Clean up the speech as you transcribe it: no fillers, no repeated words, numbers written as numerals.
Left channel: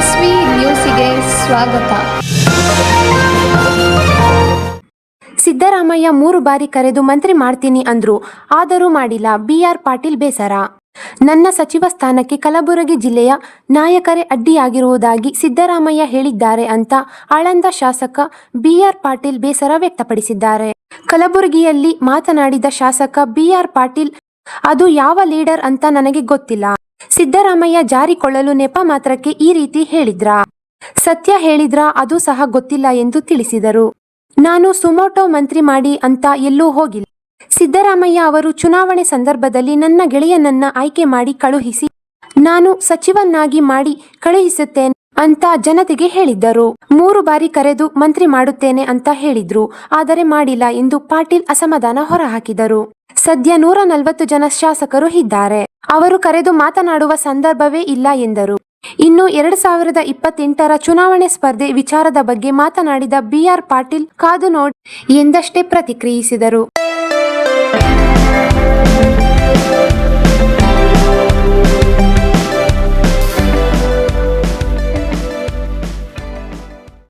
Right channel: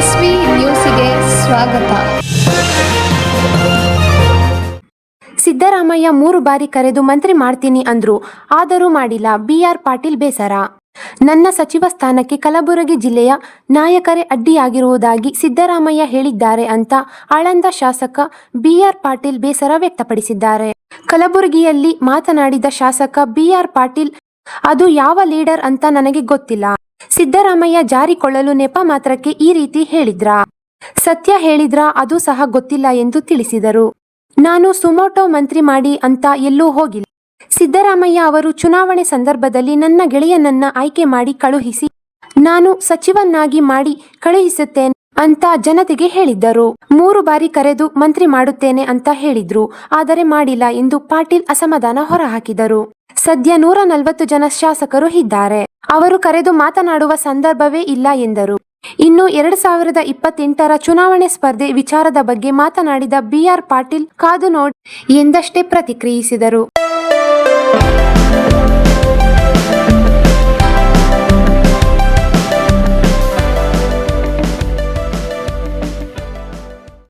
S V ನ್ಯೂಸಿಗೆ ಸ್ವಾಗತ. ಸಿದ್ದರಾಮಯ್ಯ 3 ಬಾರಿ ಕರೆದು ಮಂತ್ರಿ ಮಾಡ್ತೀನಿ ಅಂದ್ರು, ಆದರೂ ಮಾಡಿಲ್ಲ. BR ಪಾಟೀಲ್ ಬೇಸರ. ನನ್ನ ಸಚಿವ ಸ್ಥಾನಕ್ಕೆ ಕಲಬುರಗಿ ಜಿಲ್ಲೆಯ ನಾಯಕರೇ ಅಡ್ಡಿಯಾಗಿರುವುದಾಗಿ ಸಿದ್ದರಾಮಯ್ಯ ಹೇಳಿದ್ದಾರೆ ಅಂತ ಆಳಂದ ಶಾಸಕ BR ಪಾಟೀಲ್ ಬೇಸರ ವ್ಯಕ್ತಪಡಿಸಿದ್ದಾರೆ. ಕಲಬುರಗಿಯಲ್ಲಿ ಮಾತನಾಡಿದ ಶಾಸಕ BR ಪಾಟೀಲ್, ಅದು ಯಾವ ಲೀಡರ್ ಅಂತ ನನಗೆ ಗೊತ್ತಿಲ್ಲ. ಸಿದ್ದರಾಮಯ್ಯ ಜಾರಿಕೊಳ್ಳಲು ನೆಪ ಮಾತ್ರಕ್ಕೆ ಈ ರೀತಿ ಹೇಳಿದ್ರಾ? ಸತ್ಯ ಹೇಳಿದ್ರಾ? ಅದು ಸಹ ಗೊತ್ತಿಲ್ಲ ಎಂದು ತಿಳಿಸಿದರು. ನಾನು ಸುಮೋಟೋ ಮಂತ್ರಿ ಮಾಡಿ ಅಂತ ಎಲ್ಲೂ ಹೋಗಿಲ್ಲ. ಸಿದ್ದರಾಮಯ್ಯ ಅವರು ಚುನಾವಣೆ ಸಂದರ್ಭದಲ್ಲಿ ನನ್ನ ಗೆಳೆಯನನ್ನ ಆಯ್ಕೆ ಮಾಡಿ ಕಳುಹಿಸಿ ನಾನು ಸಚಿವನ್ನಾಗಿ ಮಾಡಿ ಕಳುಹಿಸುತ್ತೇನೆ ಅಂತ ಜನತೆಗೆ ಹೇಳಿದ್ದರು. 3 ಬಾರಿ ಕರೆದು ಮಂತ್ರಿ ಮಾಡುತ್ತೇನೆ ಅಂತ ಹೇಳಿದ್ರು, ಆದರೆ ಮಾಡಿಲ್ಲ ಎಂದು ಪಾಟೀಲ್ ಅಸಮಾಧಾನ ಹೊರಹಾಕಿದರು. ಸದ್ಯ 140 ಜನ ಶಾಸಕರು ಇದ್ದಾರೆ. ಅವರು ಕರೆದು ಮಾತನಾಡುವ ಸಂದರ್ಭವೇ ಇಲ್ಲ ಎಂದರು. ಇನ್ನು 2028ರ ಚುನಾವಣೆ ಸ್ಪರ್ಧೆ ವಿಚಾರದ ಬಗ್ಗೆ ಮಾತನಾಡಿದ BR ಪಾಟೀಲ್, ಕಾದು ನೋಡಿ ಎಂದಷ್ಟೇ ಪ್ರತಿಕ್ರಿಯಿಸಿದರು.